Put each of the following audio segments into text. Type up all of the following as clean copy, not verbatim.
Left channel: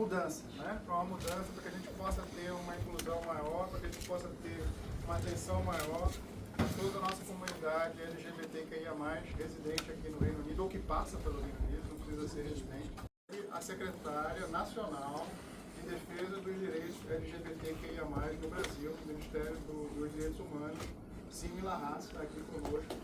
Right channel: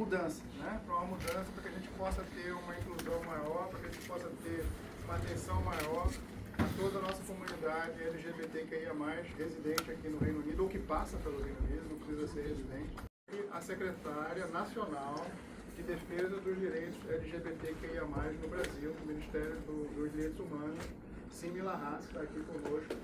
mudança, né? Para uma mudança, para que a gente possa ter uma inclusão maior, para que a gente possa ter uma atenção maior a toda a nossa comunidade LGBTQIA+, residente aqui no Reino Unido, ou que passa pelo Reino Unido, não precisa ser residente. E a secretária nacional de defesa dos direitos LGBTQIA+, no Brasil, do Ministério dos Direitos Humanos, Simila Haas, está aqui conosco.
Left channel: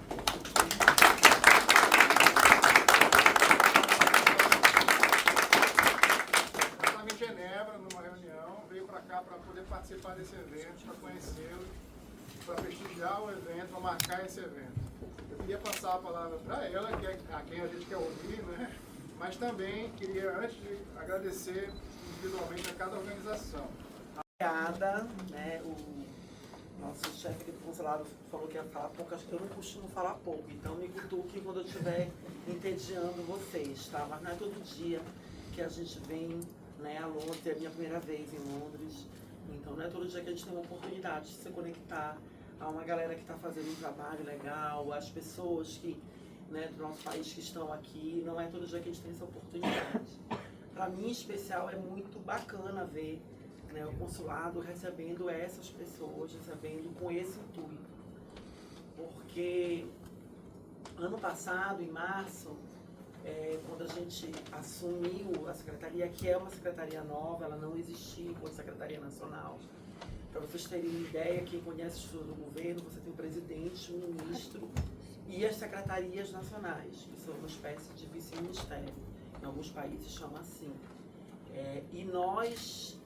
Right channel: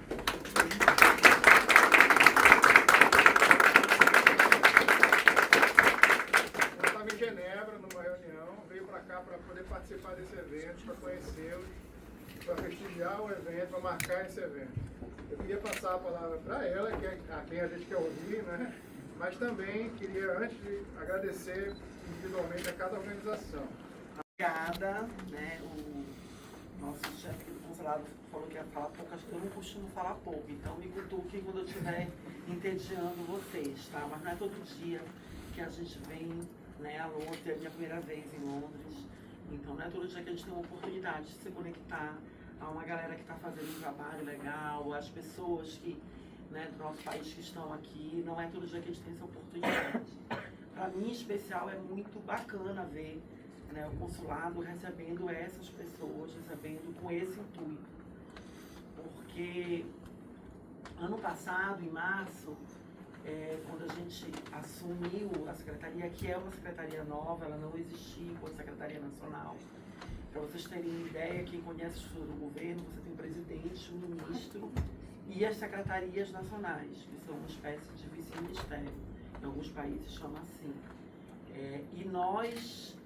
Eu estava em Genebra, numa reunião, veio para cá para poder participar desse evento, para conhecê-lo, para prestigiar o evento, para marcar esse evento. Eu queria passar a palavra para ela, que é a quem a gente quer ouvir, né? Mas também queria, antes de agradecer individualmente a cada organização. Obrigada, né? O nosso chefe do consulado falou que ia falar pouco, acho que eu não costumo falar pouco, então me cutuque quando eu estiver entediando vocês, tá? Mas não é todo dia que a gente vem, né, a Londres, é a minha primeira vez em Londres, então não é todo dia que a gente tem uma oportunidade de se conectar a uma galera que está fazendo um trabalho legal, as pessoas que, né, do nosso país que estão aqui, não é todo dia que a gente tem essa oportunidade. Para mim, em especial, é muito bacana ver, né, o consulado recebendo essas pessoas, recebendo com esse intuito. Porque ano passado, em março, quando a gente assumiu a secretaria, que é uma secretaria nova, ela não existia como secretaria nacional. Para vocês terem uma ideia, quem conhece a estrutura do governo, você tem o presidente, o ministro e as secretarias nacionais, que são uma espécie de vice-ministério. Em alguns países chamam assim. E nós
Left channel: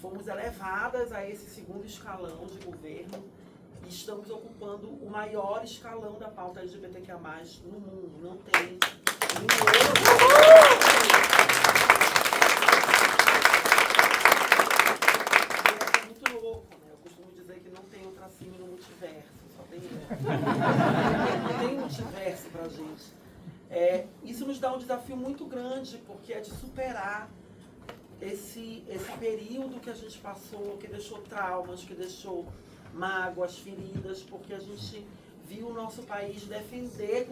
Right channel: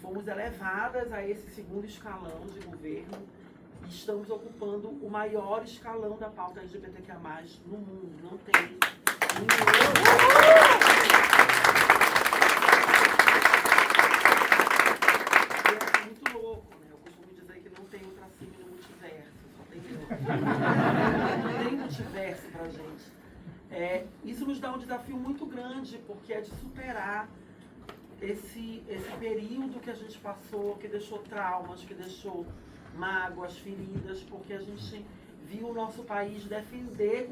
fomos elevadas a esse segundo escalão de governo e estamos ocupando o maior escalão da pauta LGBTQIA+, no mundo. Não tem nenhum outro. É muito louco, né? Eu costumo dizer que não tem um pra cima no multiverso, só tem um. Não tem multiverso pra gente. Isso nos dá um desafio muito grande, porque é de superar esse período que a gente passou, que deixou traumas, que deixou mágoas, feridas, porque a gente viu o nosso país defender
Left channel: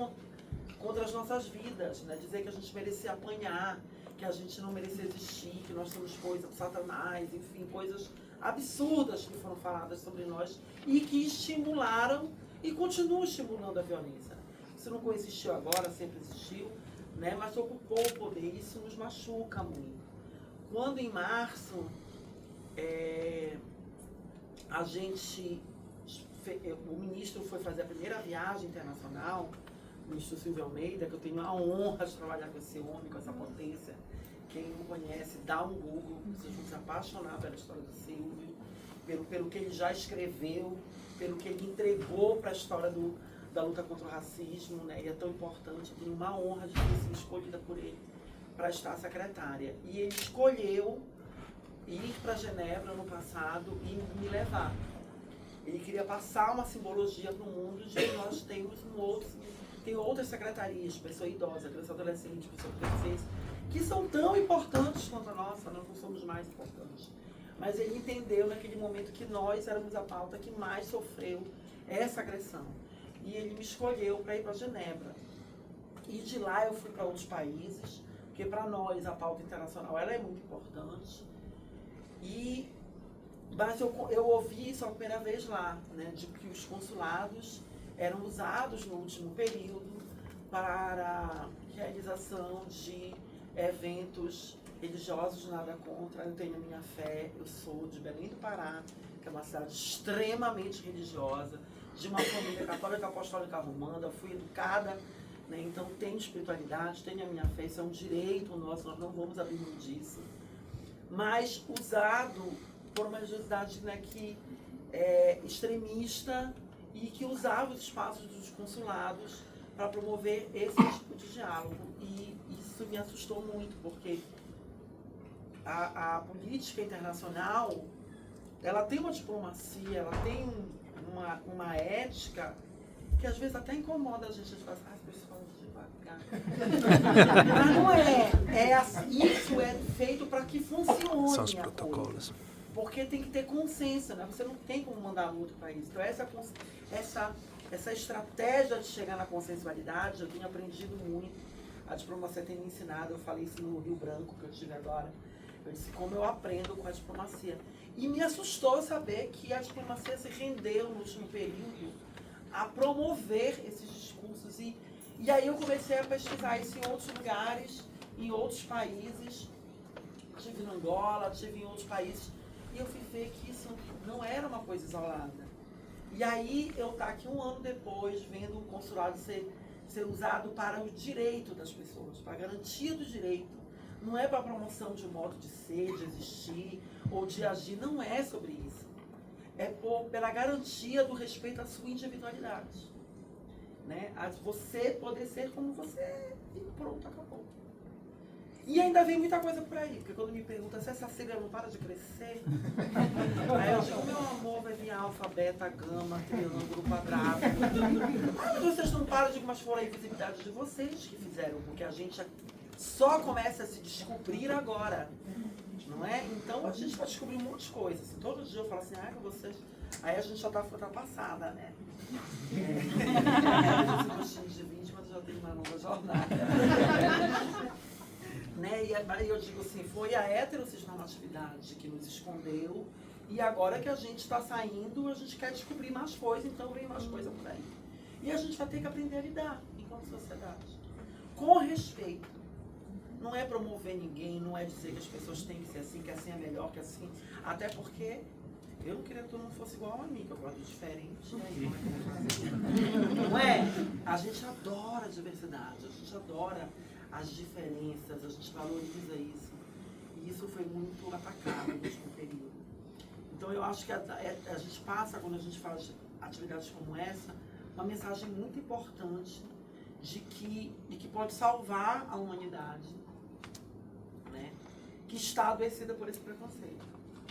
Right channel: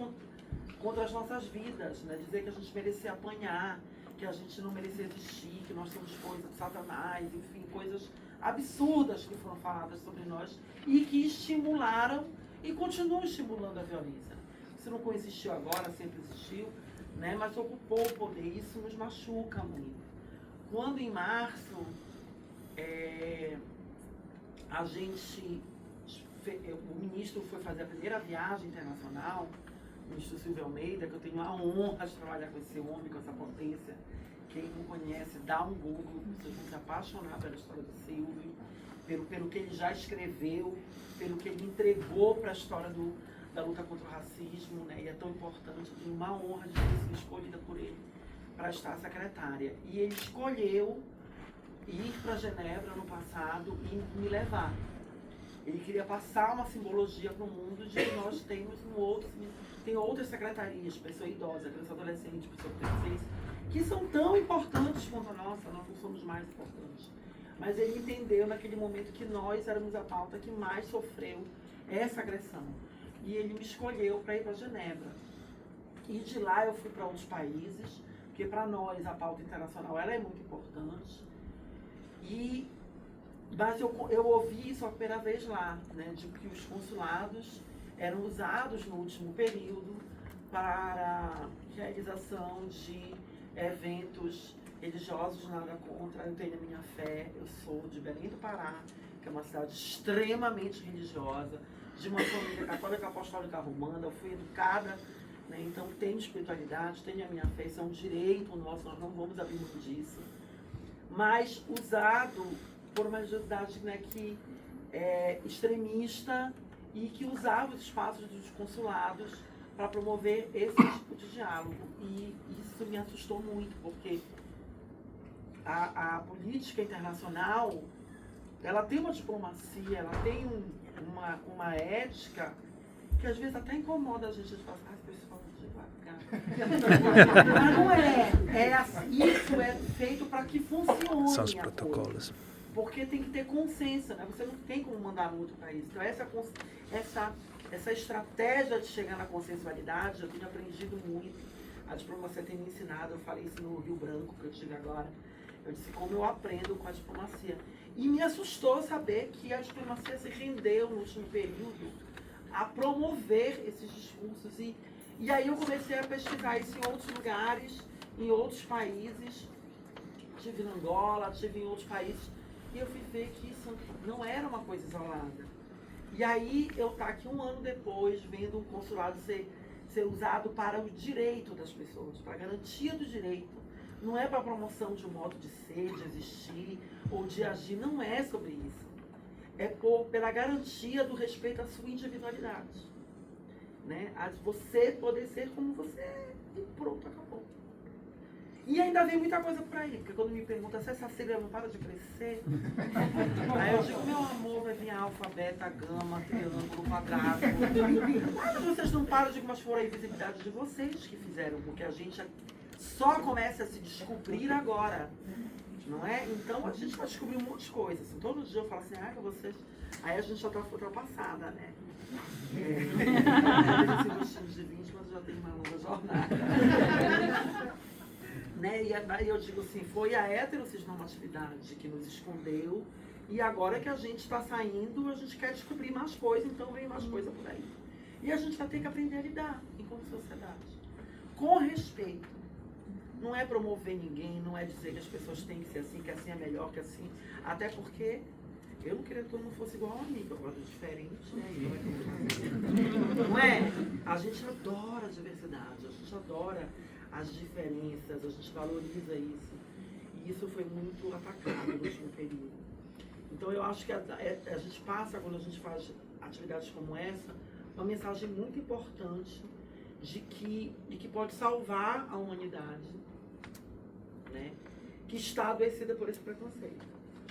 contra as nossas vidas, né? Dizer que a gente merecia apanhar, que a gente não merecia existir, que nós somos coisas de Satanás, enfim, coisas absurdas que foram faladas sobre nós e que estimularam e continuam estimulando a violência. Isso não coexistiu agora, sempre existiu, né? Mas ocupou o poder, isso nos machuca muito. Quando em março o ministro foi fazer a primeira viagem internacional, o ministro Silvio Almeida, que eu tenho a honra de trabalhar com esse homem, com essa potência. Quem não conhece, dá um Google, você tem que se apaixonar pela história do Silvio, pelo que ele já escreveu, pelo que ele entregou para a história da luta contra o racismo, né? E é tão importante, e uma honra de ter sido escolhida por ele para estar secretária. E ele escolheu ir para Genebra no passado e me levar. Ele queria passar uma simbologia para o mundo de que nós temos tem outras secretarias, pessoa idosa, criança adolescente, pessoa deficiente, que são tão importantes quanto a nossa, nós não somos mais importantes. Mas ele entendeu naquele momento que nós éramos a pauta que mais sofreu essa agressão. E ele me escolheu para ir para Genebra. E de lá eu fui para outros países, porque para nós a pauta internacional ela é muito importante. Mas eu ouvi isso a primeira vez lá, né, de que os consulados eram usados no último período para realização de eventos religiosos, nada contra, eu tenho a minha fé, eu sou de Belém do Pará, que é uma cidade extremamente religiosa, de uma família católica apostólica romana, eu fui educada, né, então tenho espiritualidade, tenho a minha fé, isso é um direito nosso, nós não vamos abrir mão disso. Mas usado por uma religiosidade, né, que é extremista e que usava os espaços dos consulados para promover esse tipo de diálogo. E isso me assustou muito, porque a política internacional, ela tem uma diplomacia, ela tem uma ética que às vezes até incomoda a gente, falar, as pessoas devagar. Mas não isso é feito para que funcione. São os protocolos. Porque tem que ter consenso, né? Você não tem como mandar muito para isso. Então essa estratégia de chegar na consensualidade, eu tenho aprendido muito. A diplomacia tem me ensinado, eu falei isso no Rio Branco, que eu estive agora. Eu disse, como eu aprendo com a diplomacia. E me assustou saber que a diplomacia se rendeu no último período a promover esses discursos. E aí eu comecei a pesquisar isso em outros lugares, em outros países. Estive em Angola, estive em outros países. E eu fui ver que isso não era uma coisa isolada. E aí eu estou aqui um ano depois, vendo o consulado ser usado para o direito das pessoas, para a garantia do direito. Não é para a promoção de um modo de ser, de existir ou de agir. Não é sobre isso. É pela garantia do respeito à sua individualidade. Né? A você poder ser como você é e pronto, acabou. E ainda vem muita coisa por aí, porque quando me perguntam se essa sigla não para de crescer, aí eu digo, meu amor, vai vir alfa, beta, gama, triângulo, quadrado. Mas vocês não param de, mas foram a invisibilidade de vocês que fizeram, porque a gente só começa a se descobrir agora, não é? Então a gente vai descobrir um monte de coisas. Assim, todo dia eu falo assim, vocês... Aí a gente já está ultrapassada, né? Esse gostinho de 20, mas já tem uma longa jornada. Né? E aí eu digo assim, foi a heterossexualidade que nos escondeu e agora que a gente está saindo, a gente quer descobrir mais coisas, então vem mais coisa por aí. E a gente vai ter que aprender a lidar enquanto sociedade. Com respeito. Não é promover ninguém, não é dizer que as pessoas têm que ser assim, que assim é melhor, que assim... Até porque eu não queria que todo mundo fosse igual a mim, que eu gosto de diferente, né? Não é? A gente adora a diversidade, a gente adora as diferenças, a gente valoriza isso. E isso foi muito atacado no último período. Então eu acho que a gente passa, quando a gente faz atividades como essa, uma mensagem muito importante de que pode salvar a humanidade, né? Que está adoecida por esse preconceito,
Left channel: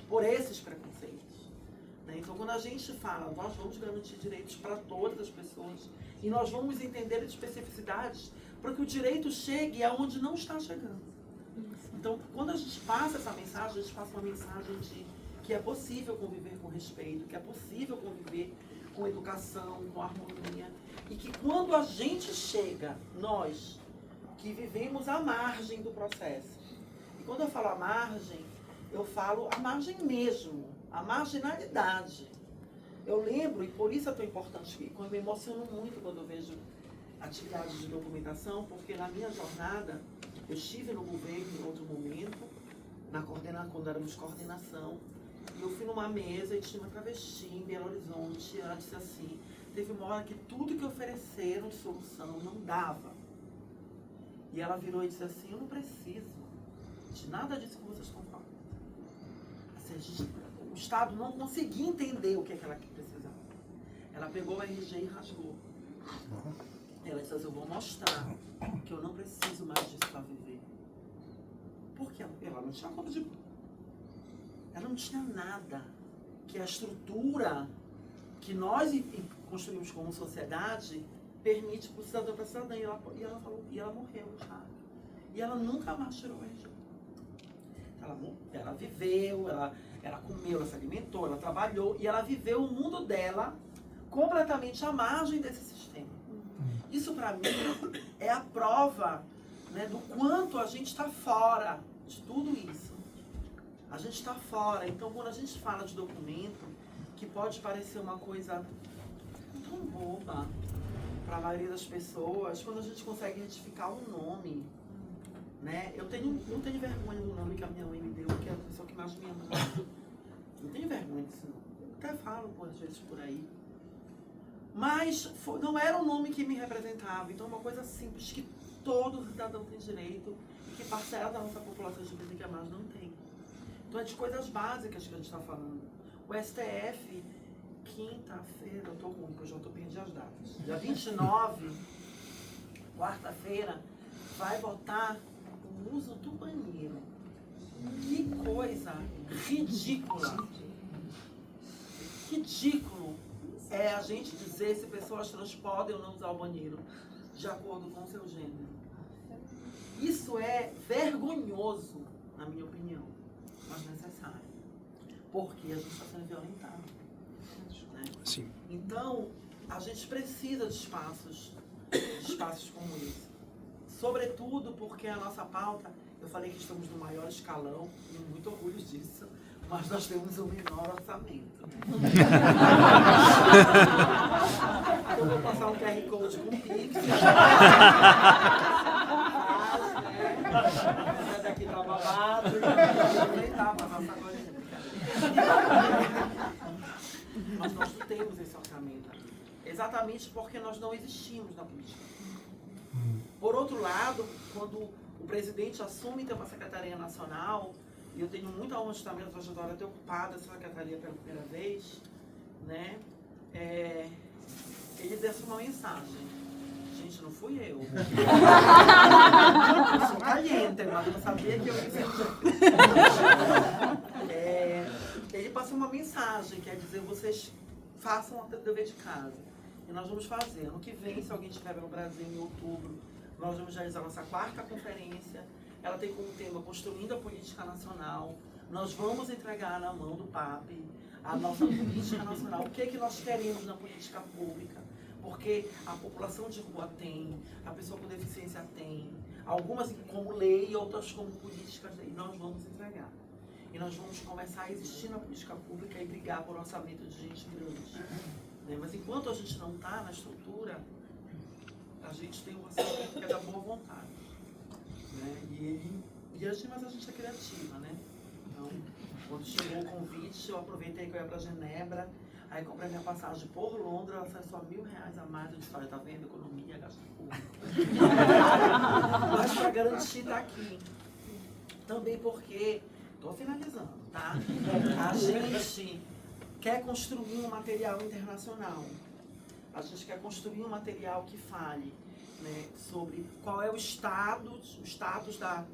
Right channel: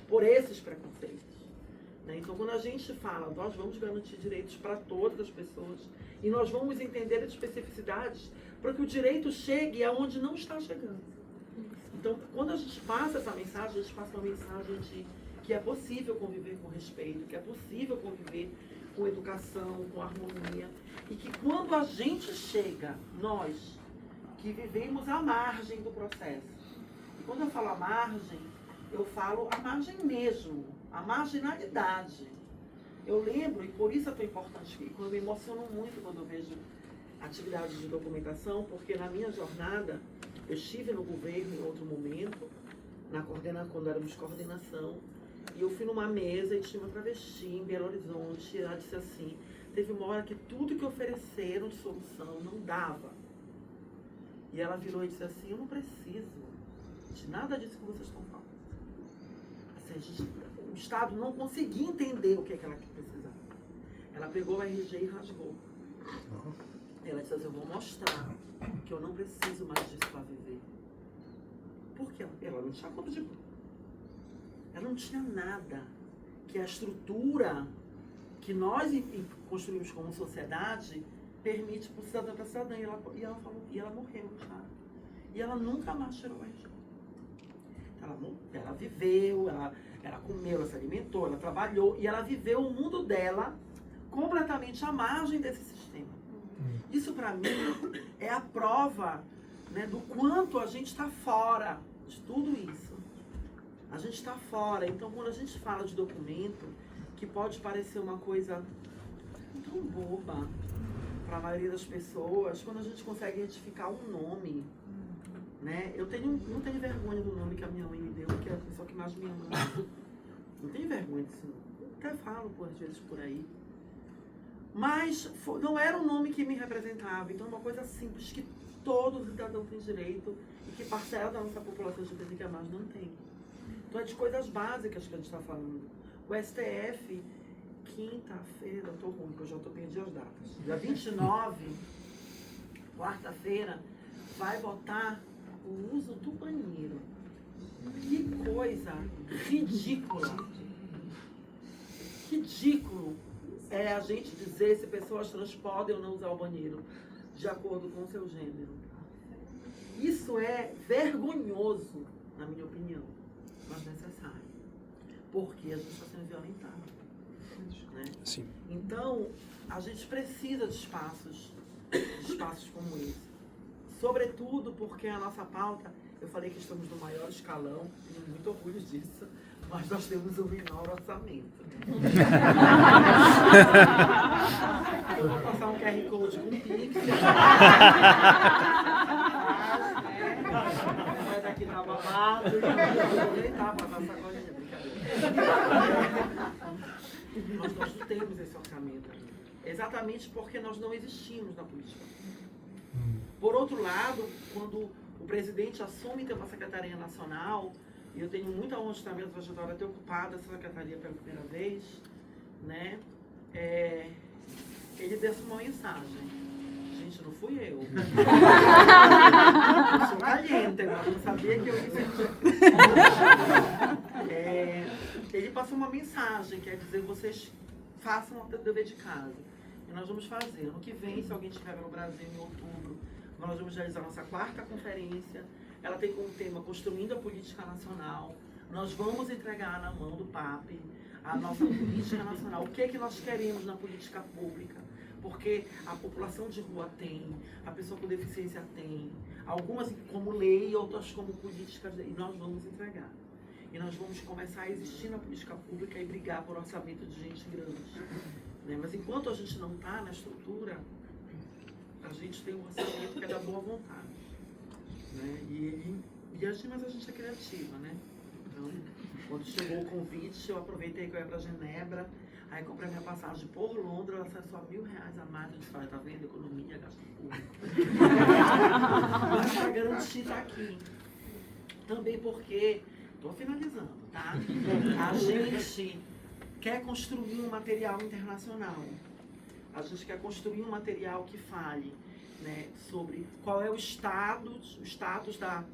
por esses preconceitos. Né? Então quando a gente fala, nós vamos garantir direitos para todas as pessoas e nós vamos entender as especificidades para que o direito chegue aonde não está chegando. Então, quando a gente passa essa mensagem, a gente passa uma mensagem de que é possível conviver com respeito, que é possível conviver com educação, com harmonia, e que quando a gente chega, nós, que vivemos à margem do processo, e quando eu falo à margem, eu falo à margem mesmo, à marginalidade. Eu lembro, e por isso é tão importante, que eu me emociono muito quando eu vejo atividades de documentação, porque na minha jornada, eu estive no governo em outro momento, quando éramos coordenação, e eu fui numa mesa e tinha uma travesti em Belo Horizonte, e ela disse assim, teve uma hora que tudo que ofereceram de solução não dava. E ela virou e disse assim, eu não preciso de nada disso que vocês estão falando. Assim, o Estado não conseguia entender o que ela precisava. Ela pegou o RG e rasgou. Ela disse assim, eu vou mostrar que eu não preciso mais disso para viver. Porque ela não tinha conta de... Ela não tinha nada que a estrutura que nós construímos como sociedade permite para o cidadão para cidadã. E ela morreu já. E ela nunca mais tirou o RG. Ela viveu, ela comeu, ela se alimentou, ela trabalhou e ela viveu o mundo dela completamente à margem desse sistema. Isso, para mim, é a prova, né, do quanto a gente está fora de tudo isso. A gente está fora. Então, quando a gente fala de documento, que pode parecer uma coisa tão boba para a maioria das pessoas, quando a gente consegue identificar um nome, né? Eu não tenho vergonha do nome que a minha mãe me deu, que é a pessoa que mais me ama. Não tenho vergonha disso, não. Eu até falo, às vezes, por aí. Mas não era um nome que me representava. Então é uma coisa simples que todo cidadão tem direito e que parcela da nossa população LGBT que mais não tem. Então é de coisas básicas que a gente está falando. O STF, quinta-feira, eu estou ruim, porque eu já estou perdendo as datas. Dia 29, quarta-feira, vai votar o uso do banheiro. Que coisa ridícula. Ridículo é a gente dizer se pessoas trans podem ou não usar o banheiro de acordo com o seu gênero. Isso é vergonhoso, na minha opinião, mas necessário. Porque a gente está sendo violentado. Né? Sim. Então, a gente precisa de espaços como esse. Sobretudo porque a nossa pauta Eu falei que estamos no maior escalão, tenho muito orgulho disso, mas nós temos o menor orçamento. Eu vou passar um QR Code com Pix. Mas aqui tá babado, então eu vou aproveitar para passar com a gente. Mas nós não temos esse orçamento. Exatamente porque nós não existimos na política. Por outro lado, quando o presidente assume ter uma secretaria nacional, e eu tenho muita honra de estar minha trajetória ter ocupado essa secretaria pela primeira vez, né? Ele deixa uma mensagem. Gente, não fui eu. Eu sou caliente, mas não sabia que eu ia Ele passa uma mensagem, quer dizer, vocês façam o dever de casa. E nós vamos fazer. Ano que vem, se alguém estiver no Brasil, em outubro, nós vamos realizar nossa 4ª conferência. Ela tem como tema Construindo a Política Nacional. Nós vamos entregar na mão do PAP a nossa política nacional. O que é que nós queremos na política pública? Porque a população de rua tem, a pessoa com deficiência tem, algumas como lei e outras como políticas, e nós vamos entregar. E nós vamos começar a existir na política pública e brigar por orçamento de gente grande. Né? Mas enquanto a gente não está na estrutura, a gente tem um orçamento que é da boa vontade. Né? Mas a gente é criativa, né? Então, quando chegou o convite, eu aproveitei que eu ia para Genebra, aí comprei minha passagem por Londres, ela saiu só R$1.000 a mais. Eu disse, tá vendo? Economia, gasto público. Mas para garantir estar aqui. Também porque, estou finalizando, tá? A gente quer construir um material internacional. A gente quer construir um material que fale, né, sobre qual é o status da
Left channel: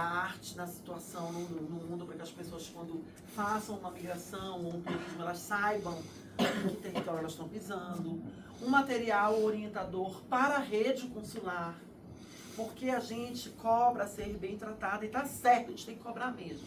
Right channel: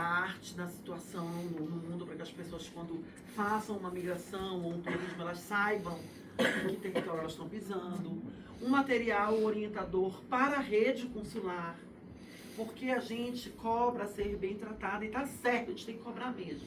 arte, da situação no mundo, para que as pessoas, quando façam uma migração ou um turismo, elas saibam em que território elas estão pisando. Um material orientador para a rede consular, porque a gente cobra ser bem tratado, e está certo, a gente tem que cobrar mesmo.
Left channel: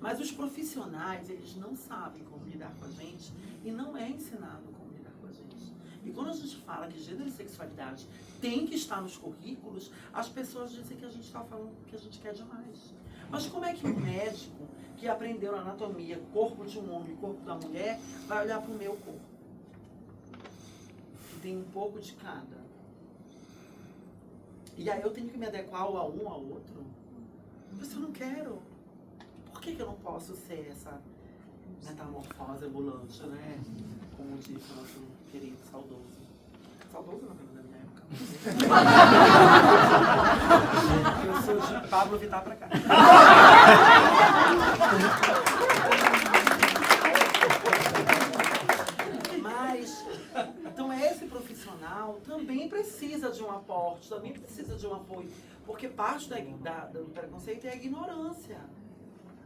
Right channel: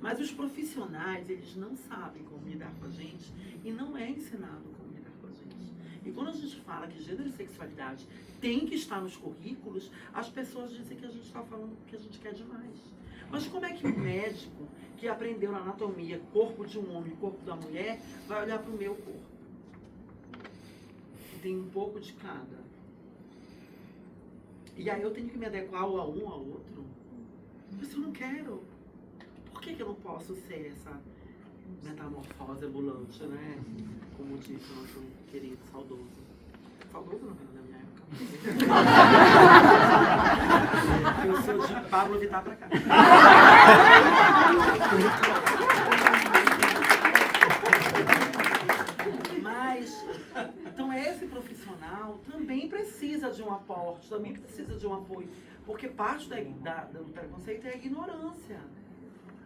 Mas os profissionais, eles não sabem como lidar com a gente e não é ensinado como lidar com a gente. E quando a gente fala que gênero e sexualidade tem que estar nos currículos, as pessoas dizem que a gente está falando que a gente quer demais. Mas como é que um médico que aprendeu na anatomia corpo de um homem e corpo da mulher vai olhar para o meu corpo? Tem um pouco de cada. E aí eu tenho que me adequar a um ao outro? Mas eu não quero. Por que eu não posso ser essa metamorfose ambulante, né? Como disse o nosso querido saudoso. Saudoso não, da minha época. Eu sou de Pablo Vittar pra cá. Mas, então esse profissional também precisa de um aporte, também precisa de um apoio. Porque parte do preconceito é a ignorância.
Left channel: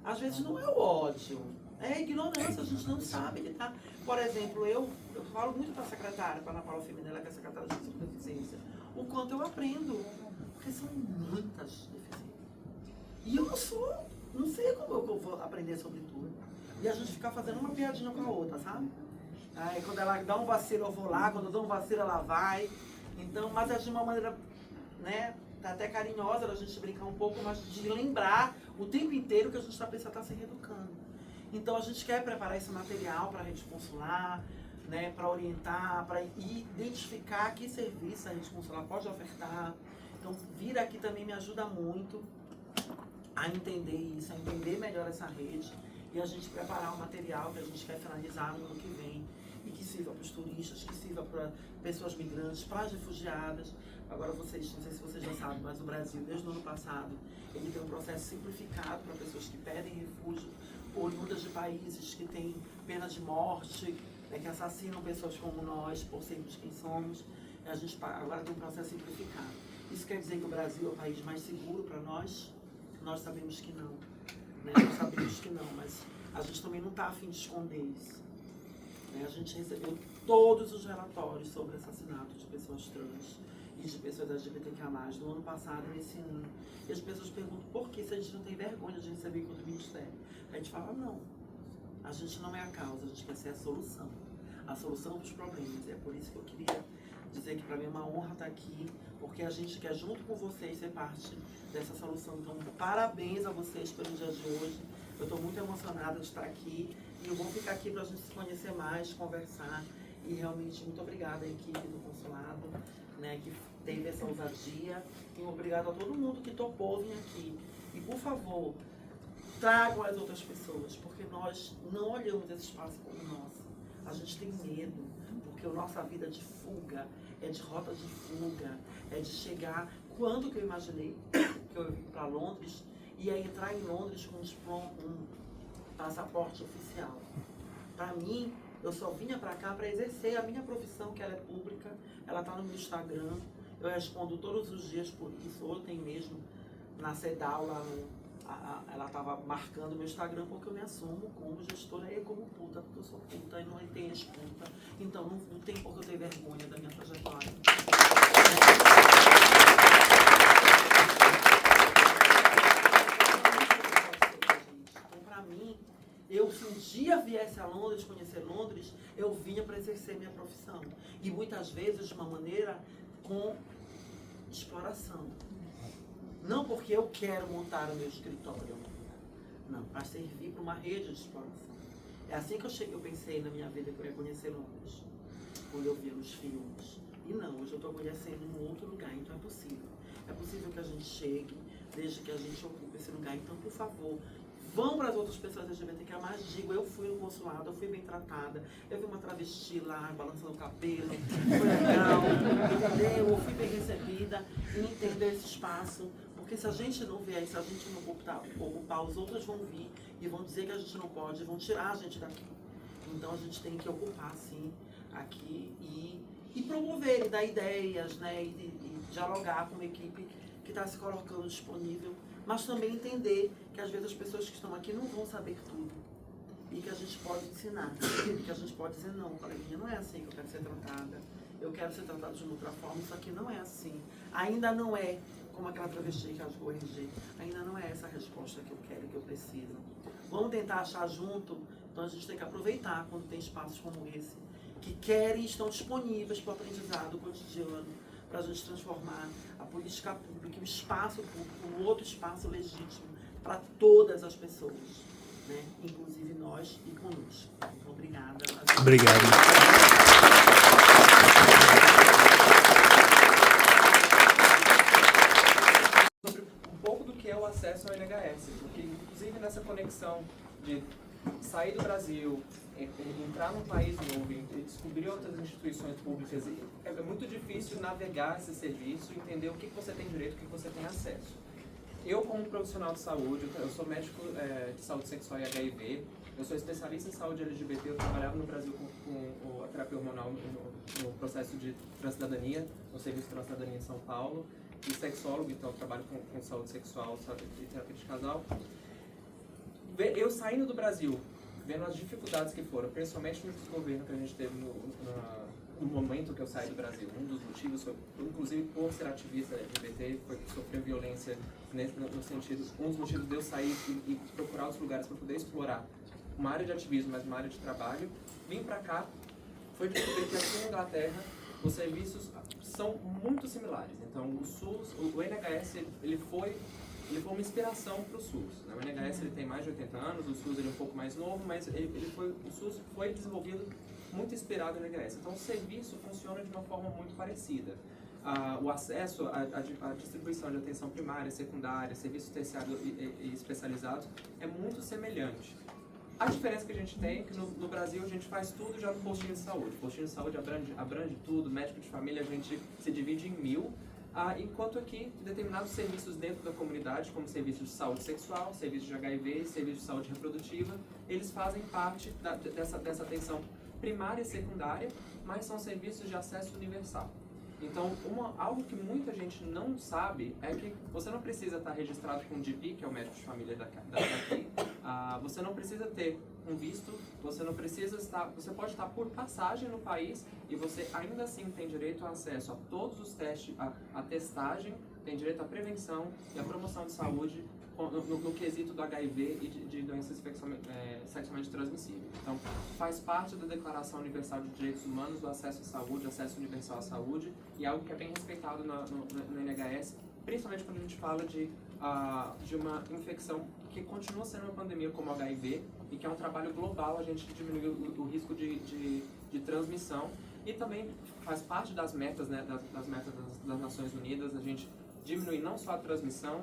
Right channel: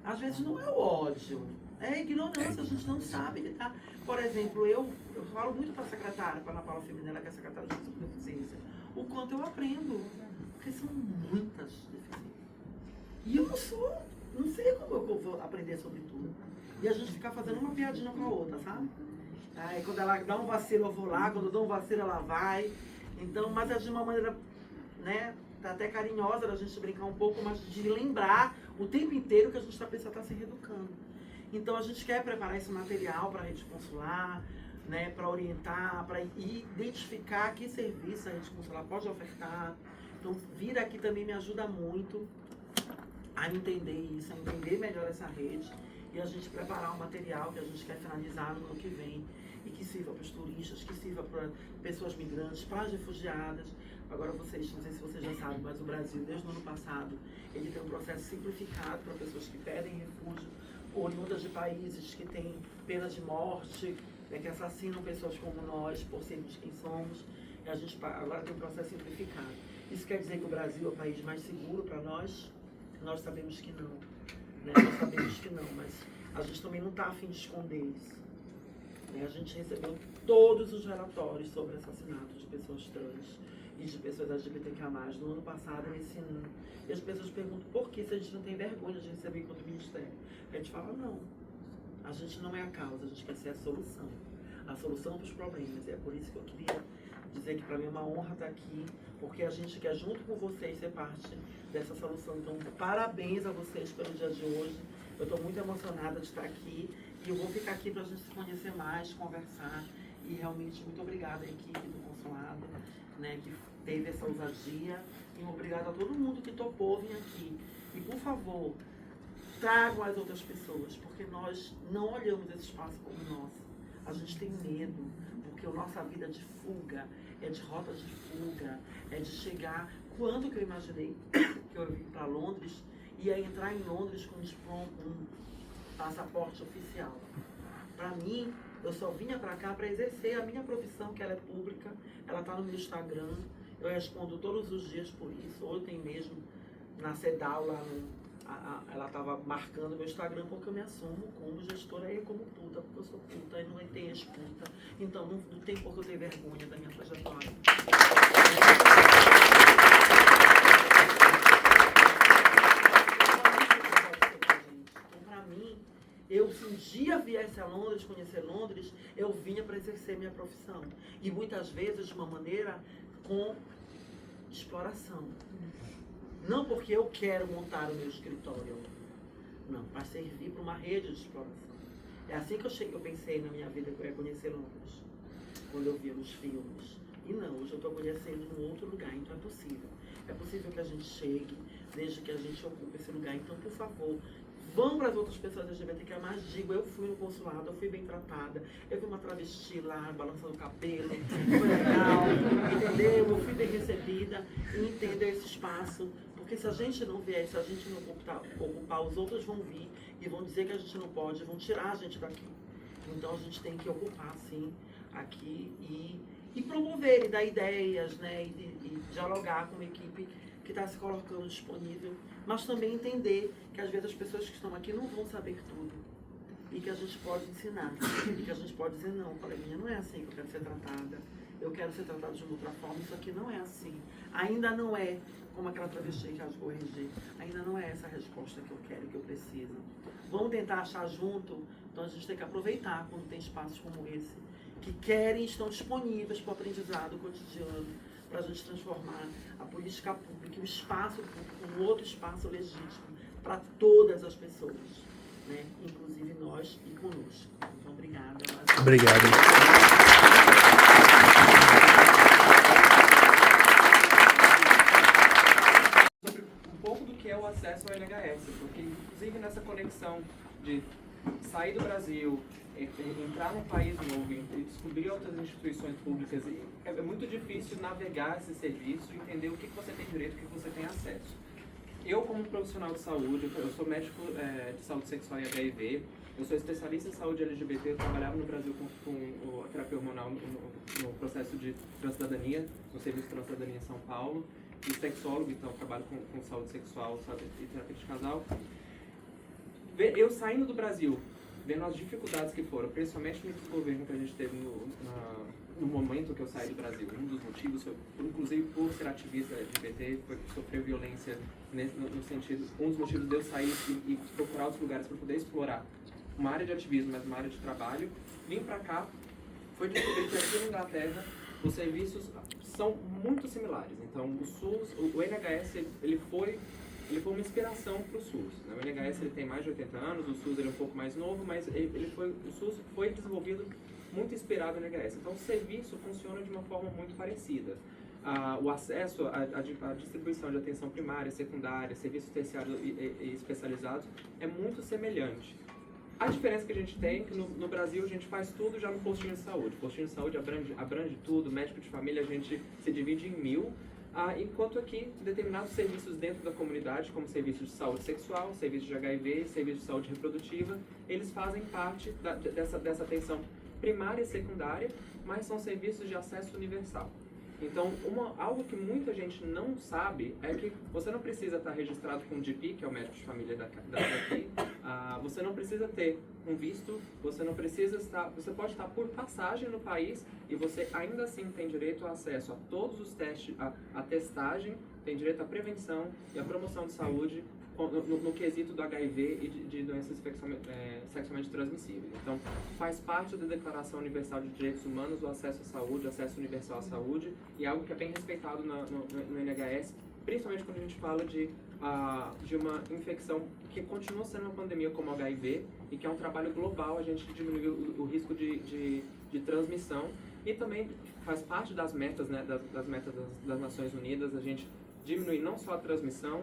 Às vezes não é o ódio, é a ignorância, a gente não sabe lidar. Por exemplo, eu falo muito para a secretária, para a Ana Paula Feminela, que é a secretária de deficiência, o quanto eu aprendo, porque são muitas deficiências. E eu não sei como eu vou aprender sobre tudo. E a gente fica fazendo uma piadinha com a outra, sabe? Aí quando ela dá um vacilo eu vou lá, quando eu dou um vacilo ela vai. Então, mas é de uma maneira, né, tá até carinhosa da gente brincar um pouco, mas de lembrar o tempo inteiro que a gente precisa estar se reeducando. Então a gente quer preparar esse material para a rede consular, né, para orientar, para identificar que serviço a rede consular pode ofertar. Então vir aqui também me ajuda muito a entender isso, a entender melhor essa rede e a gente preparar o material que a gente quer finalizar no ano que vem e que sirva para os turistas, que sirva para pessoas migrantes, para as refugiadas. Agora vocês, não sei se vocês já sabem, mas o Brasil, desde o ano passado, ele tem um processo simplificado para pessoas que pedem refúgio, oriundas de países que têm pena de morte, né, que assassinam pessoas como nós, por sermos quem somos. E a gente agora tem um processo simplificado. Isso quer dizer que o Brasil é o país mais seguro para nós? Nós sabemos que não. Né? Nós sabemos que não, mas a gente também não está a fim de esconder isso. Né? A gente recebeu todos os relatórios sobre assassinato de pessoas trans e de pessoas LGBTQIA+, no ano passado e nesse ano. E as pessoas perguntam por que se a gente não tem vergonha de receber enquanto ministério. A gente fala, não. A gente não é a causa, a gente quer ser a solução dos problemas. E é por isso que eu queria dizer que para mim é uma honra estar aqui, porque a gente quer, junto com vocês, ser parte dessa solução. Então, parabéns a vocês pelo dia de hoje. Eu estou muito emocionada de estar aqui e eu vou ficar aqui para a gente se conhecer mais, conversar. E realmente, muito obrigada à equipe do consulado, né, que teve essa ousadia. E obrigada a todo mundo que topou vir aqui. E, por favor, tragam as outras pessoas, porque nós não olhamos esse espaço como nosso. A gente tem medo, porque a nossa vida é de fuga, é de rota de fuga, é de chegar... Quando que eu imaginei que eu vim para Londres, ia entrar em Londres com um passaporte oficial? Para mim, eu só vinha para cá para exercer a minha profissão, que ela é pública, ela está no meu Instagram, eu respondo todos os dias por isso. Ontem mesmo, na CEDAW, ela estava marcando meu Instagram porque eu me assumo como gestora e como puta, porque eu sou puta e não tem ex-puta. Então não tem por que eu ter vergonha da minha trajetória. Então, para mim, se um dia viesse a Londres, conhecer Londres, eu vinha para exercer minha profissão. E muitas vezes de uma maneira com exploração. Não porque eu quero montar o meu escritório, não, mas servir para uma rede de exploração. É assim que eu pensei na minha vida que eu ia conhecer Londres, quando eu via nos filmes. E não, hoje eu estou conhecendo um outro lugar, então é possível. É possível que a gente chegue, desde que a gente ocupe esse lugar. Então, por favor, vão para as outras pessoas LGBTQ+, digo, eu fui no consulado, eu fui bem tratada, eu vi uma travesti lá, balançando o cabelo, foi legal, entendeu? Eu fui bem recebida e entendeu esse espaço. Porque se a gente não vier, se a gente não ocupar, os outros vão vir e vão dizer que a gente não pode, vão tirar a gente daqui. Então a gente tem que ocupar, sim, aqui e promover, e dar ideias, né, e dialogar com uma equipe que está se colocando disponível, mas também entender que às vezes as pessoas que estão aqui não vão saber tudo e que a gente pode ensinar, e que a gente pode dizer, não, coleguinha, não é assim que eu quero ser tratada, eu quero ser tratada de uma outra forma, isso aqui não é assim, ainda não é como aquela travesti que rasgou o RG, ainda não é essa a resposta que eu quero e que eu preciso. Vamos tentar achar junto, então a gente tem que aproveitar quando tem espaços como esse, que querem e estão disponíveis para o aprendizado cotidiano, para a gente transformar a política pública, o espaço público, um outro espaço legítimo para todas as pessoas, né? Inclusive nós e conosco. Então, obrigada. Obrigado. Sobre um pouco do que é o acesso ao NHS, porque inclusive nessa conexão de sair do Brasil, entrar num país novo e descobrir outras instituições públicas, é muito difícil navegar esse serviço e entender o que você tem direito, o que você tem acesso. Eu, como profissional de saúde, eu sou médico de saúde sexual e HIV, eu sou especialista em saúde LGBT, eu trabalhava no Brasil com a terapia hormonal no processo de transcidadania, no Serviço de Transcidadania em São Paulo, e sexólogo, então eu trabalho com saúde sexual e terapia de casal. Eu saindo do Brasil, vendo as dificuldades que foram, principalmente no desgoverno que a gente teve no momento que eu saí do Brasil. Um dos motivos foi, inclusive por ser ativista LGBT, foi sofrer violência no sentido, um dos motivos de eu sair e procurar outros lugares para poder explorar uma área de ativismo, mas uma área de trabalho. Vim para cá, foi descobrir que aqui na Inglaterra os serviços são muito similares. Então o SUS, o NHS, ele foi uma inspiração para o SUS. Né? O NHS ele tem mais de 80 anos, o SUS ele é um pouco mais novo, mas o SUS foi desenvolvido muito inspirado no NHS. Então o serviço funciona de uma forma muito parecida. O acesso, a distribuição de atenção primária, secundária, serviços terciários e especializados é muito semelhante. A diferença que a gente tem é que no Brasil a gente faz tudo já no postinho de saúde. O postinho de saúde abrange tudo, médico de família a gente se divide em 1000, enquanto aqui determinados serviços dentro da comunidade, como serviços de saúde sexual, serviços de HIV, serviços de saúde reprodutiva, eles fazem parte dessa atenção primária e secundária, mas são serviços de acesso universal. Então, algo que muita gente não sabe é que você não precisa estar registrado com o GP, que é o médico de família daqui, você não precisa ter um visto, você não precisa você pode estar por passagem no país e você ainda assim tem direito ao acesso a todos os testes, a testagem, tem direito à prevenção e à promoção de saúde no quesito do HIV e de doenças sexualmente transmissíveis. Então, faz parte da Declaração Universal de Direitos Humanos o acesso à saúde, o acesso universal à saúde, e algo que é bem respeitado no NHS, principalmente quando a gente fala de uma infecção que continua sendo uma pandemia como o HIV, e que é um trabalho global a gente diminuir o risco de transmissão, e também faz parte das metas, né, das metas das Nações Unidas, a gente diminuir não só a transmissão,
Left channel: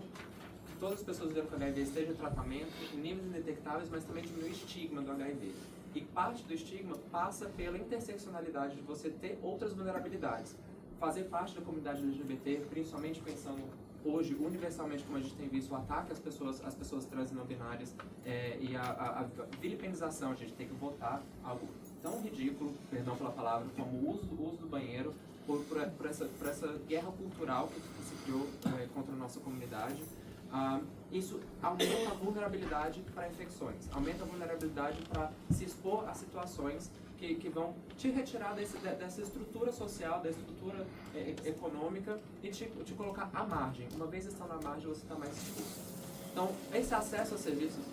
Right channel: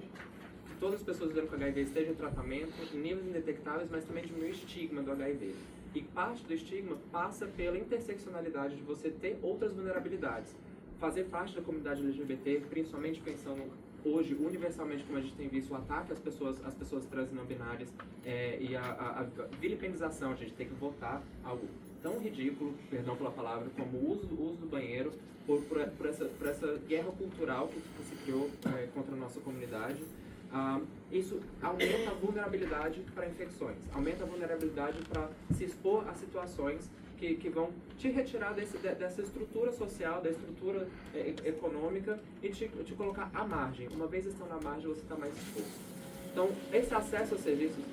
que todas as pessoas vivendo com HIV estejam em tratamento, em níveis indetectáveis, mas também diminuir o estigma do HIV. E parte do estigma passa pela interseccionalidade de você ter outras vulnerabilidades. Fazer parte da comunidade LGBT, principalmente pensando hoje, universalmente, como a gente tem visto, o ataque às pessoas trans e não binárias, e a vilipendização, a gente tem que votar algo tão ridículo, perdão pela palavra, como o uso do banheiro, por essa guerra cultural que se criou contra a nossa comunidade. Isso aumenta a vulnerabilidade para infecções, aumenta a vulnerabilidade para se expor a situações que vão te retirar dessa estrutura social, da estrutura econômica, e te colocar à margem. Uma vez estando à margem, você está mais exposto. Então, esse acesso aos serviços...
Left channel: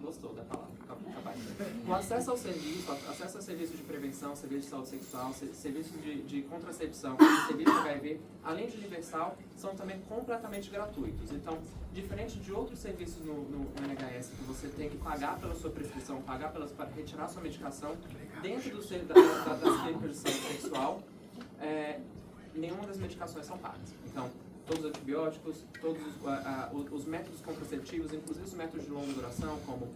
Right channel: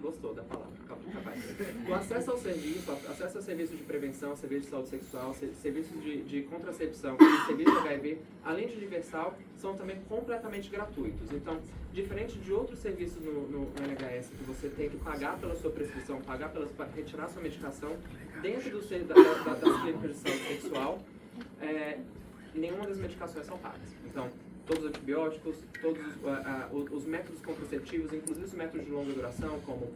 Gostou da palavra? Capaz. O acesso ao serviço de prevenção, serviço de saúde sexual, serviço de contracepção e serviço de HIV, além de universal, são também completamente gratuitos. Então, diferente de outros serviços no NHS, que você tem que pagar pela sua prescrição, pagar para retirar sua medicação, dentro das clínicas de saúde sexual, nenhuma das medicações são pagas. Então, todos os antibióticos, todos os métodos contraceptivos, inclusive os métodos de longa duração, como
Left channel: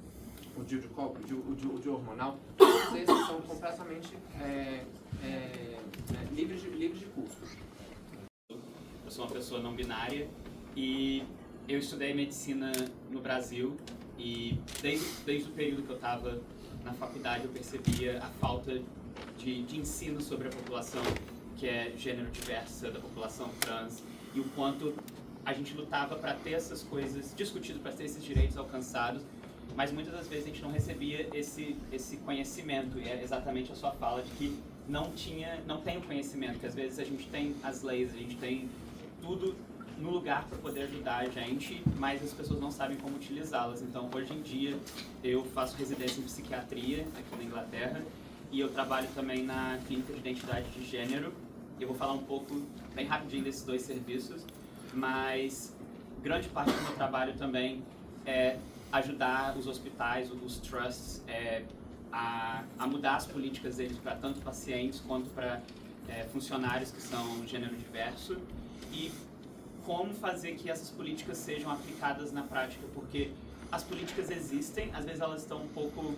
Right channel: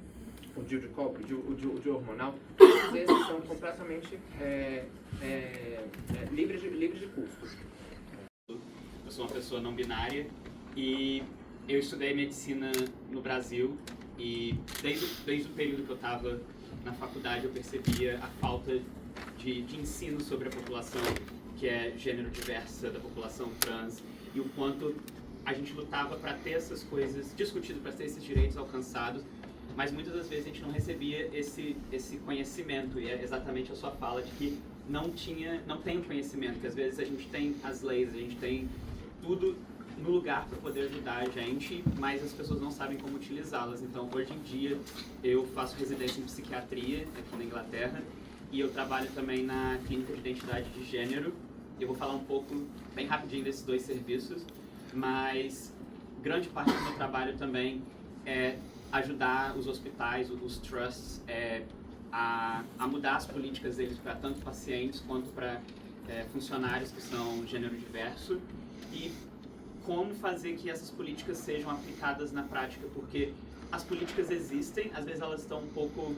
o DIU hormonal, todos esses são completamente livres de custo. Eu sou uma pessoa não binária e eu estudei medicina no Brasil, e desde o período que eu estava na faculdade eu percebia a falta de ensino sobre a população que é gênero diversa, da população trans, e o quanto a gente lutava para ter essas coisas discutidas, para ter esses direitos alcançados, mas muitas das vezes a gente não recebia esse conhecimento, e é exatamente a sua fala de que não tem o conhecimento, que às vezes a gente tem as leis, a gente tem tudo no lugar para poder ajudar a gente, mas as pessoas não sabem como utilizá-las. Então, hoje em dia, eu faço residência em psiquiatria aqui na Inglaterra, e eu trabalho também na clínica de identidade de gênero. Eu vou falar um pouco, bem rapidinho, desses dois serviços, mas grande parte do meu trabalho também é ajudar os hospitais, os trusts, a mudar as políticas deles para tanto pacientes quanto para funcionários que são gênero diverso, e como fazer que essas políticas sejam aplicadas na prática, porque as políticas existem, às vezes elas estão um pouco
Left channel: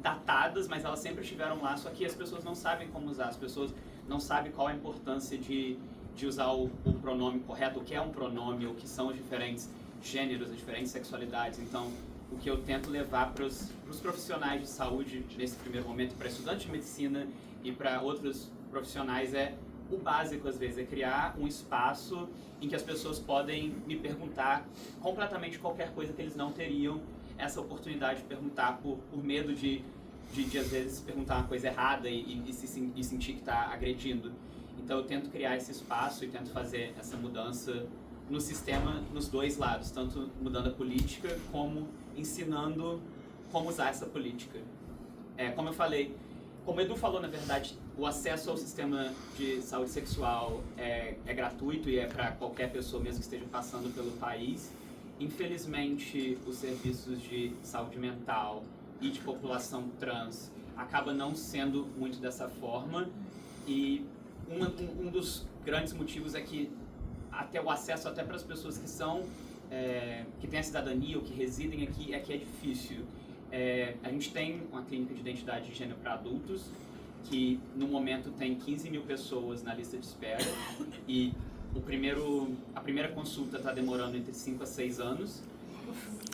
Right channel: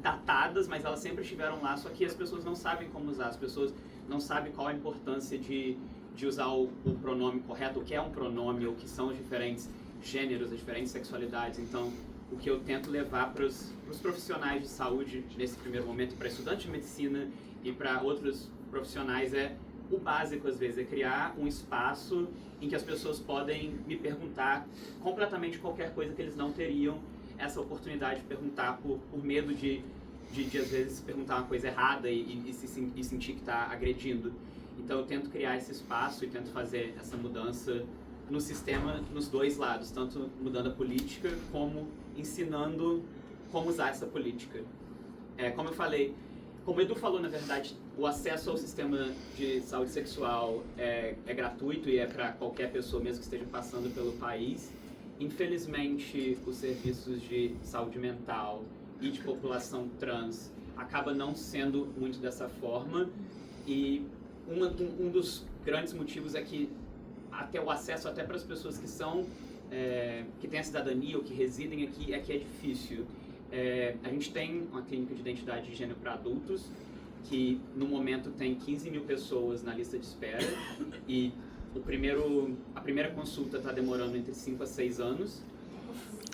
datadas, mas elas sempre estiveram lá, só que as pessoas não sabem como usar, as pessoas não sabem qual a importância de usar o pronome correto, o que é um pronome, o que são os diferentes gêneros, as diferentes sexualidades. Então, o que eu tento levar para os profissionais de saúde nesse primeiro momento, para estudantes de medicina e para outros profissionais, é o básico às vezes, é criar um espaço em que as pessoas podem me perguntar completamente qualquer coisa que eles não teriam essa oportunidade de perguntar por medo de às vezes perguntar uma coisa errada e sentir que está agredindo. Então eu tento criar esse espaço e tento fazer essa mudança no sistema, nos dois lados, tanto mudando a política como ensinando como usar essa política. Como eu falei, como o Edu falou, na verdade, o acesso ao sistema de saúde sexual é gratuito e é para qualquer pessoa, mesmo que esteja passando pelo país. Infelizmente, os serviços de saúde mental e de população trans acaba não sendo muito dessa forma, e um dos grandes motivos é que até o acesso até para as pessoas que são que têm a cidadania ou que residem aqui é difícil. A gente tem uma clínica de identidade de gênero para adultos que no momento tem 15 mil pessoas na lista de espera, e a primeira consulta está demorando entre 5 a 6 anos.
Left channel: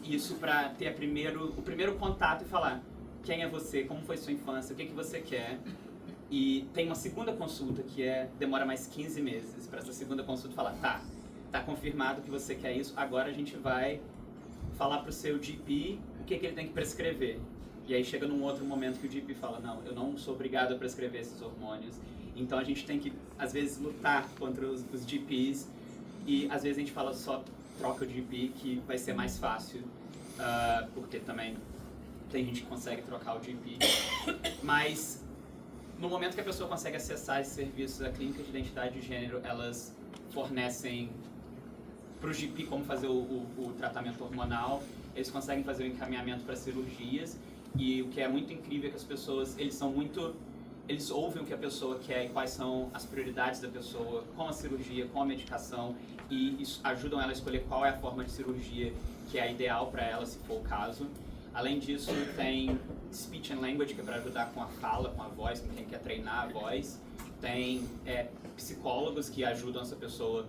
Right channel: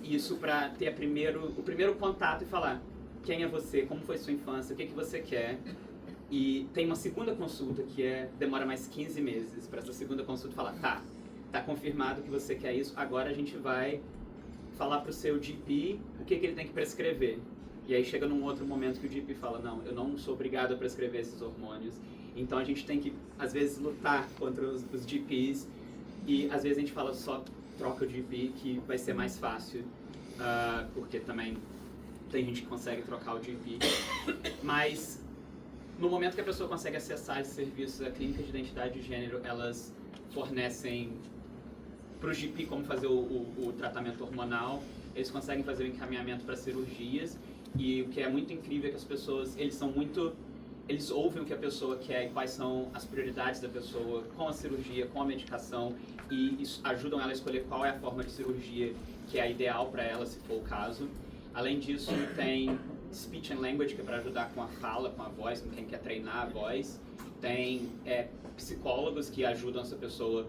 Isso para ter o primeiro contato e falar quem é você, como foi sua infância, o que você quer. E tem uma segunda consulta que demora mais 15 meses para essa segunda consulta falar, tá confirmado que você quer isso, agora a gente vai falar para o seu GP o que ele tem que prescrever. E aí chega num outro momento que o GP fala, não, eu não sou obrigado a prescrever esses hormônios. Então a gente tem que, às vezes, lutar contra os GPs, e às vezes a gente fala só troca o GP que vai ser mais fácil, porque também tem gente que consegue trocar o GP. Mas no momento que a pessoa consegue acessar esses serviços, a clínica de identidade de gênero, elas fornecem para o GP como fazer o tratamento hormonal, eles conseguem fazer o encaminhamento para cirurgias, e o que é muito incrível é que as pessoas, eles ouvem o que a pessoa quer e quais são as prioridades da pessoa com a cirurgia, com a medicação, e isso ajudam ela a escolher qual é a forma de cirurgia que é a ideal para ela, se for o caso. Além disso, tem speech and language, que é para ajudar com a fala, com a voz, com quem quer treinar a voz. Tem psicólogos que ajudam essa pessoa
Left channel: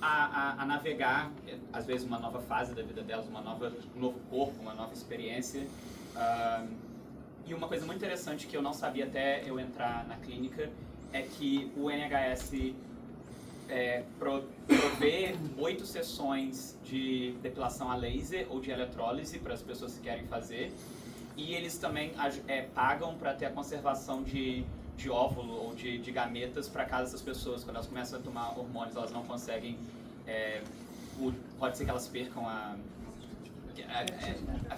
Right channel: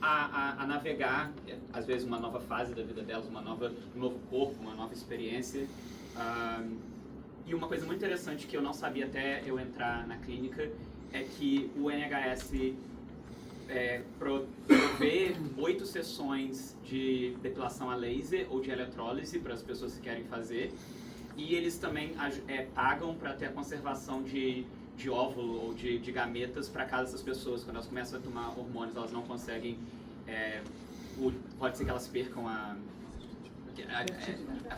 a navegar, às vezes, uma nova fase da vida delas, um novo corpo, uma nova experiência. E uma coisa muito interessante que eu não sabia até eu entrar na clínica é que o NHS provê 8 sessões de depilação a laser ou de eletrólise para as pessoas que querem fazer, e eles também pagam para ter a conservação de óvulo ou de gametas para caso essas pessoas, quando elas começam a tomar hormônios, elas não conseguem, pode ser que elas percam a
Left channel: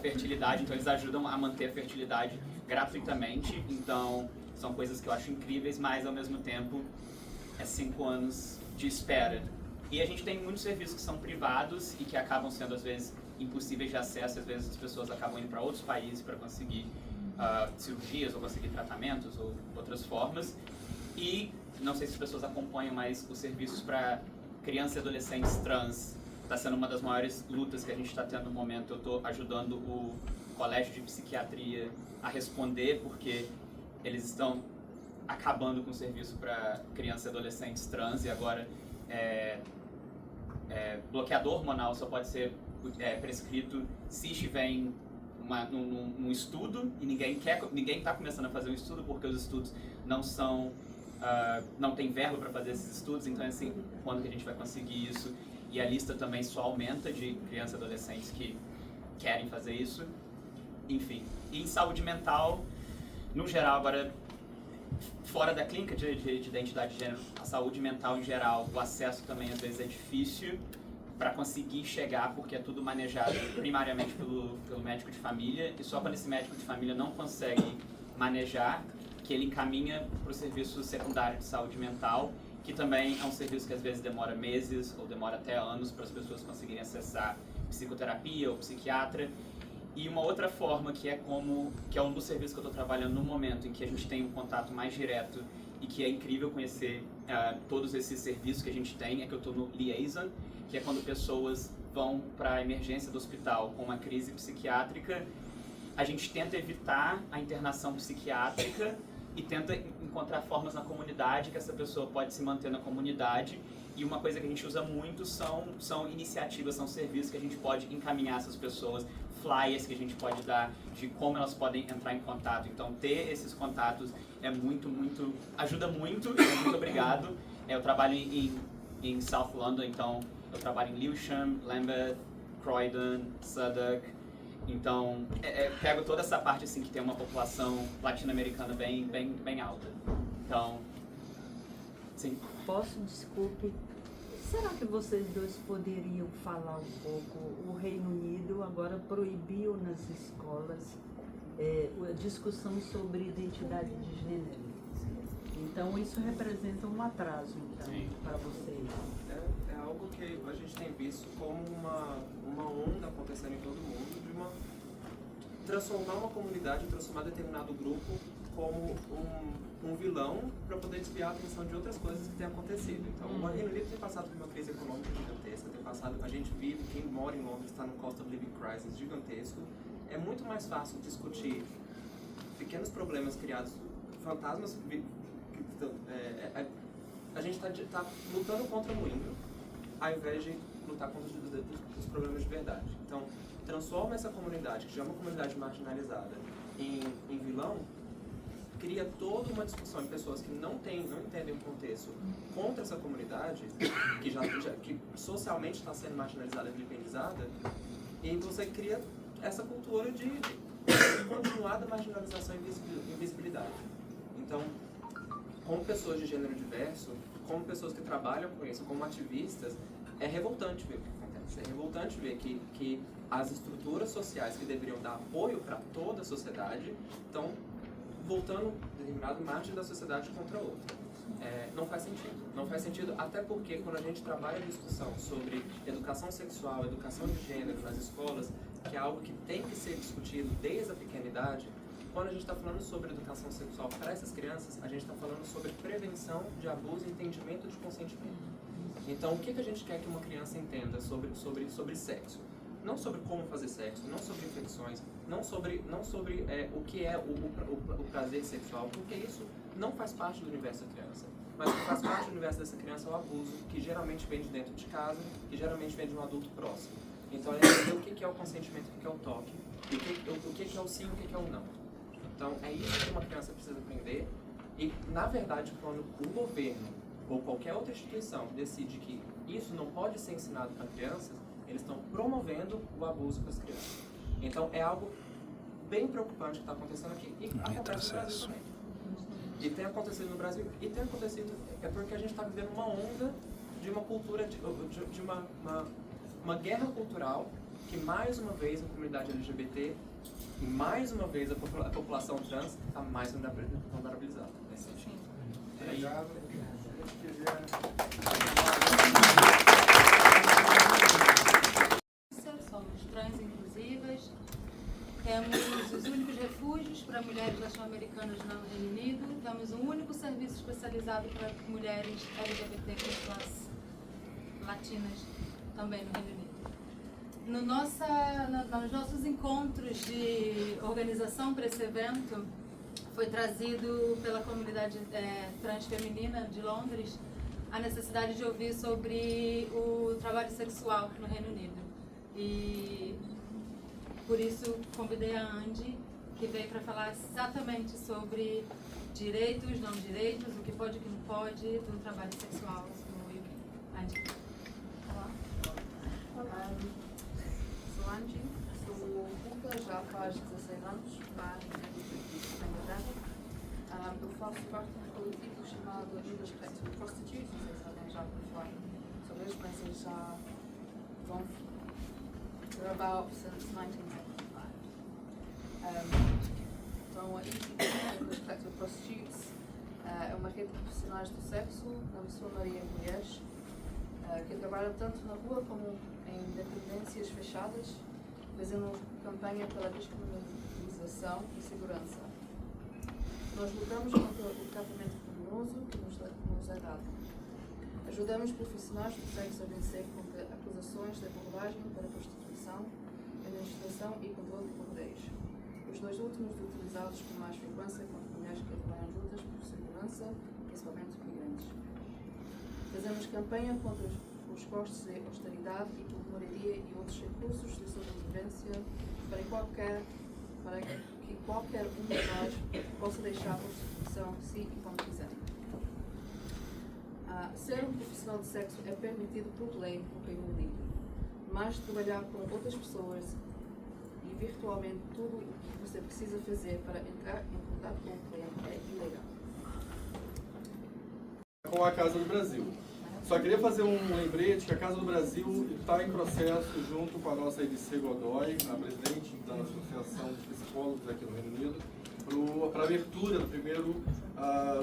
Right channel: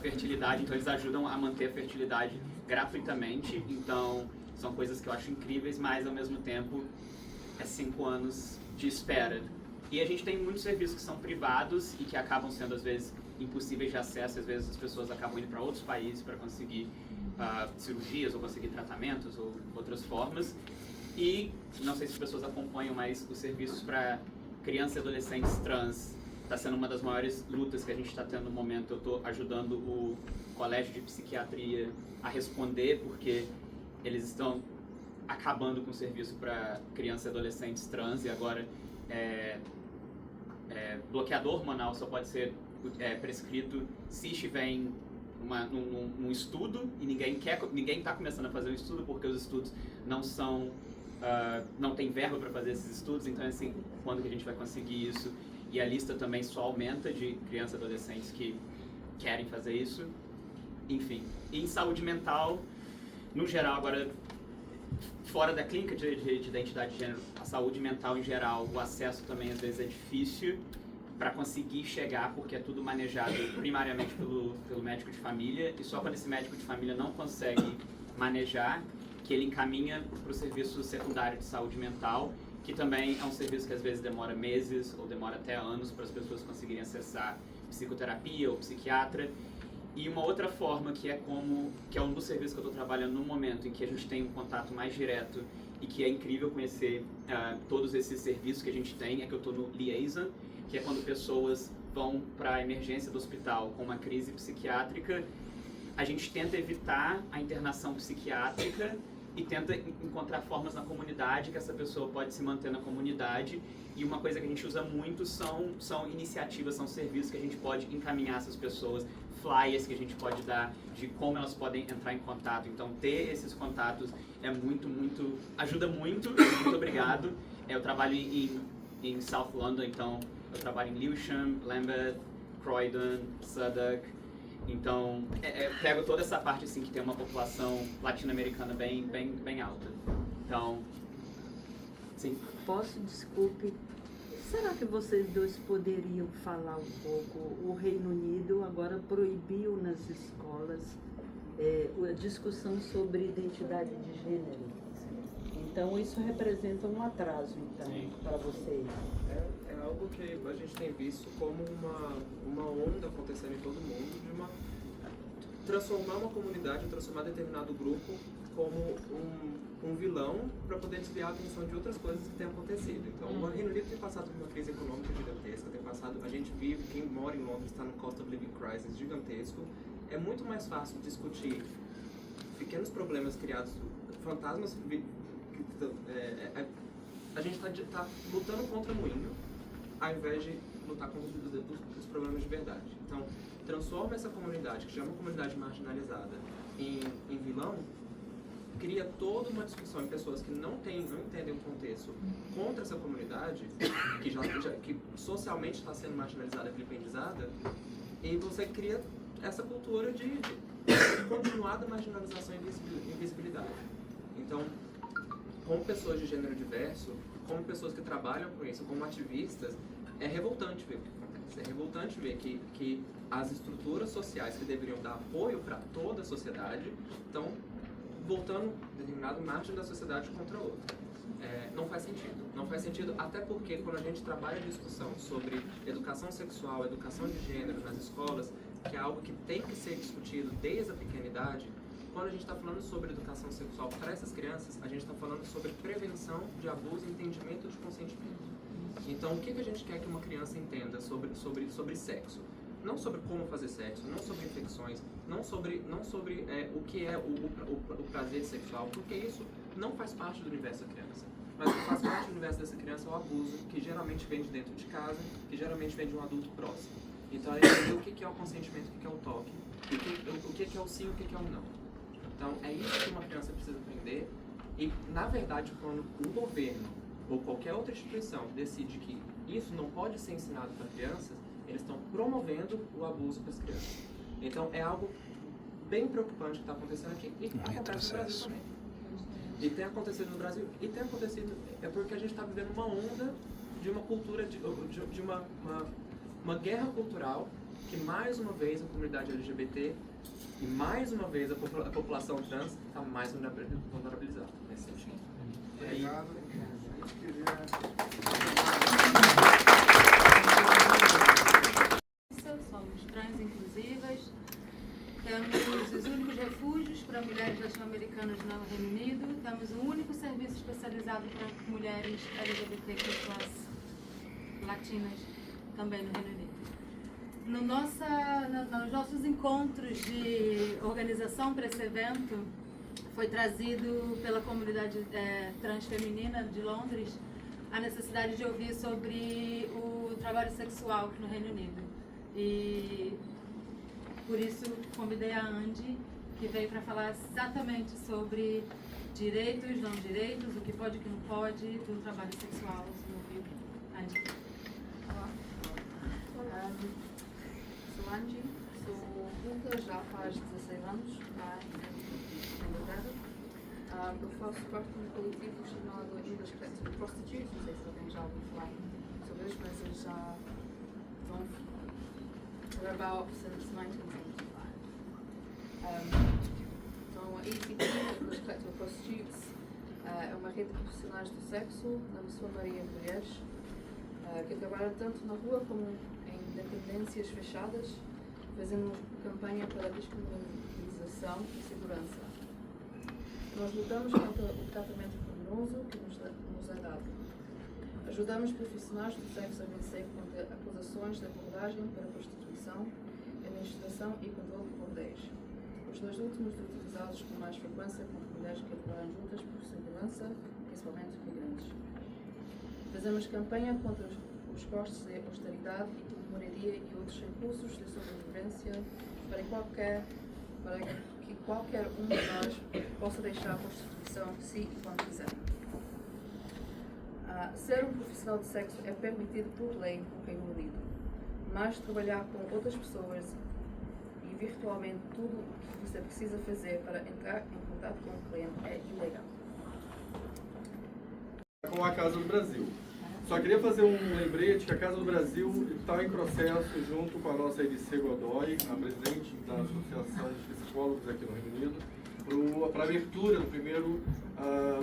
fertilidade, então eles ajudam a manter a fertilidade gratuitamente. Então são coisas que eu acho incríveis, mas ao mesmo tempo é 5 anos de espera. E a gente tem muitos serviços que são privados e que acabam sendo às vezes impossíveis de acesso, às vezes as pessoas acabam indo para outros países para conseguir cirurgias ou conseguir tratamentos ou outras formas. E não sei se as pessoas acompanham, mas os serviços para crianças e adolescentes trans está sendo uma das maiores lutas que a gente está tendo no momento. Eu estou ajudando o Colégio de Psiquiatria a responder, porque eles estão acabando com o serviço para crianças e adolescentes trans, e agora bloqueador hormonal só pode ser prescrito se estiver em num estudo, e ninguém está começando a fazer um estudo porque os estudos não tem verba para fazer esses estudos. Então, assim, quando que a gente vai conseguir isso? E a lista também só aumenta de crianças e adolescentes que querem fazer isso. Enfim, e em saúde mental, no geral, agora, fora da clínica de identidade de gênero, a saúde mental em geral, o acesso também às vezes é difícil para conseguir chegar, porque é tudo manejado primariamente pelo médico de família, e só quando esse médico de família não consegue manejar, que ele encaminha para o serviço secundário de saúde mental, que também é um serviço que às vezes demora meses ou demora até anos para as pessoas conseguirem acessar psicoterapia ou psiquiatra. E uma outra forma que é um dos serviços que eu estou trabalhando no momento, em que a gente tem um contato mais direto e que é incrível conhecer todos esses serviços que a gente tem, é que eu estou no Liaison, que é quando pessoas vão para a emergência do hospital com uma crise psiquiátrica. A gente tenta evitar a internação psiquiátrica e tenta encontrar formas na comunidade que essa pessoa pode se manter na comunidade. E uma coisa que a gente usa muito são iniciativas, são serviços que a gente pode encaminhar essas pessoas, flyers que a gente pode dar de como elas podem entrar em contato. Então, ter esses contatos ajuda muito. Muito obrigado. Eu trabalho em South London, então eu trabalho em Lewisham, Lambeth, Croydon, Southwark. Então, pego toda essa parte assim que tem uma população latino-americana bem alta. Então, sim. Desculpe, será que vocês dois poderiam falar um pouco? O Reino Unido agora proibiu nas escolas a discussão sobre identidade de gênero. Então, isso representa um atraso, então, para vocês. É algo que a gente tem visto como uma onda acontecendo em todo mundo, de transformar uma comunidade, transformar determinado grupo como um vilão para poder desviar a atenção de outras coisas que têm acontecido. Então, o Reino Unido tem passado por uma crise econômica gigantesca, a gente vive, quem mora em Londres está no cost of living crisis gigantesco. É muito mais fácil discutir pequenos problemas criados, fantasmas. A gente está lutando contra o moinho, ao invés de lutar contra os problemas de verdade. Então, transforma essa comunidade, que já é uma comunidade marginalizada, em vilão, cria toda uma discussão em pessoas que não entendem o contexto contra essa comunidade, que socialmente está sendo marginalizada e vilipendizada, e você cria essa cultura de continuada marginalização e invisibilidade. Então, como pessoas de gênero diverso, como pessoas que trabalham com isso, como ativistas, é revoltante ver o que acontece. É revoltante ver que as estruturas sociais que deveriam dar apoio para toda a sociedade estão voltando determinado margem da sociedade contra outra. Não faz sentido. Não faz sentido, até porque quando a gente trabalha a discussão sobre educação sexual, educação de gênero nas escolas, que é algo que tem que ser discutido desde a pequena idade, quando a gente está falando sobre educação sexual para essas crianças, a gente está falando sobre prevenção de abuso e entendimento de consentimento. Então, o que a gente quer que uma criança entenda sobre sexo? Não sobre como fazer sexo, não sobre infecções, não sobre o que é o prazer sexual, porque isso não faz parte do universo da criança. Mas o que faz parte do universo dessa criança é o abuso, que geralmente vem de dentro de casa, que geralmente vem de um adulto próximo. Então, é entender o que é o consentimento, o que é o toque, o que é o sim, o que é o não. Então, é isso que uma criança precisa aprender. E, na verdade, quando o governo ou qualquer outra instituição decide que isso não pode ser ensinado para crianças, eles estão promovendo o abuso para as crianças. Então, é algo bem preocupante que está acontecendo aqui e acontece no Brasil também. E tem acontecido no Brasil, e tem acontecido, é porque a gente está vivendo uma onda de uma cultura, de uma guerra cultural que, mais uma vez, a comunidade LGBT e, mais uma vez, a população trans está mais vulnerabilizada nesse sentido. Obrigado. Somos trans inclusivas, temos os únicos refúgios para mulheres latino-americanas no Reino Unido, temos um único serviço especializado para mulheres LGBTQ+ latinas também no Reino Unido. Nos nossos encontros de organização para esse evento, foi trazido pela comunidade trans feminina de Londres a necessidade de ouvir sobre o trabalho sexual no Reino Unido. E por isso convidei a Andy, que veio para falar exatamente sobre direitos, não direitos, o que pode e o que não pode do trabalho sexual no UK. Andy. Olá, sou Andy, sou vulca já faz 16 anos, lá em Inglaterra. Eu faço parte de um coletivo chamado Leaders Protecting Prostitutes, não sei se alguém já ouviu falar sobre isso, mas eles já vão about since 1975. Então, a Leaders Protecting Prostitutes é uma rede de profissionais do sexo, na sua maioria mulheres, que trabalha tanto na rua como em dependências fechadas, fazendo campanha pela descriminalização e segurança. Nós lutamos contra o tratamento criminoso que nos é dado. Ajudamos profissionais do sexo a vencer contra acusações de abordagem para prostituição, administração e controle de bordéis. Os dois últimos utilizados com mais frequência contra mulheres que trabalham juntas por segurança, principalmente migrantes. Fazemos campanha contra os custos de austeridade e por moradia e outros recursos de sobrevivência para que qualquer um de nós possa deixar a prostituição se e quando quiser. Ser um profissional de sexo é permitido por lei no Reino Unido, mas trabalhar para outras pessoas e virtualmente tudo o que você precisa fazer para entrar em contato com o cliente é ilegal. Com a Casa do Brasil. Só queria fazer um lembrete que a Casa do Brasil está em processo, junto com a nossa Edicê Godoy, a presidente da Associação de Psicólogos aqui no Reino Unido, para a abertura do primeiro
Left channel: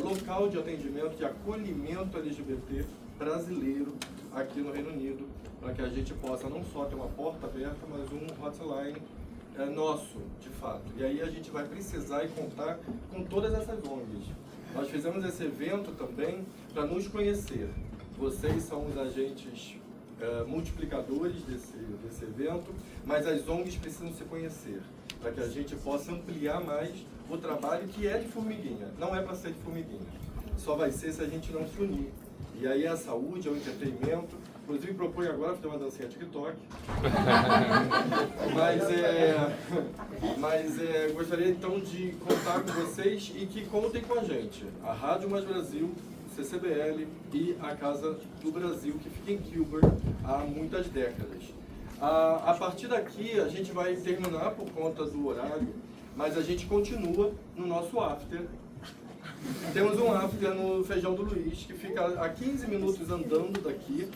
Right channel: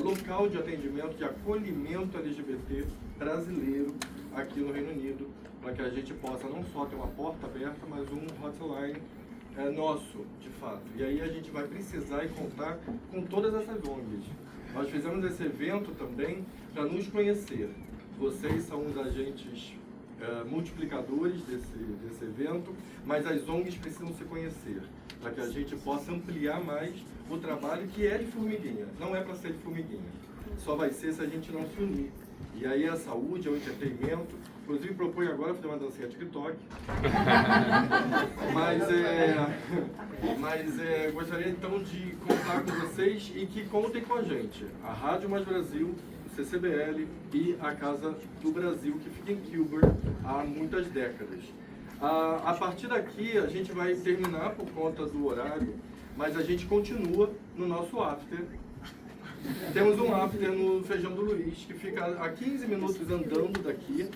local de atendimento de acolhimento LGBT brasileiro aqui no Reino Unido, para que a gente possa não só ter uma porta aberta, mas um hotline nosso, de fato. E aí a gente vai precisar contar com todas essas ONGs. Nós fizemos esse evento também para nos conhecer. Vocês são os agentes multiplicadores desse evento, mas as ONGs precisam se conhecer, para que a gente possa ampliar mais o trabalho que é de formiguinha. Não é para ser de formiguinha, só vai ser se a gente não se unir. E aí a saúde, o entretenimento, inclusive proponho agora fazer uma dancinha TikTok, mas gostaria então de contar com vocês e que contem com a gente, a Rádio Mais Brasil, CCBL e a Casa do Brasil, que fica em Kilburn há muitas décadas. A partir daqui a gente vai terminar por conta do horário, mas a gente continua no nosso after. Temos um after no Feijão do Luiz, que fica a 15 minutos andando daqui.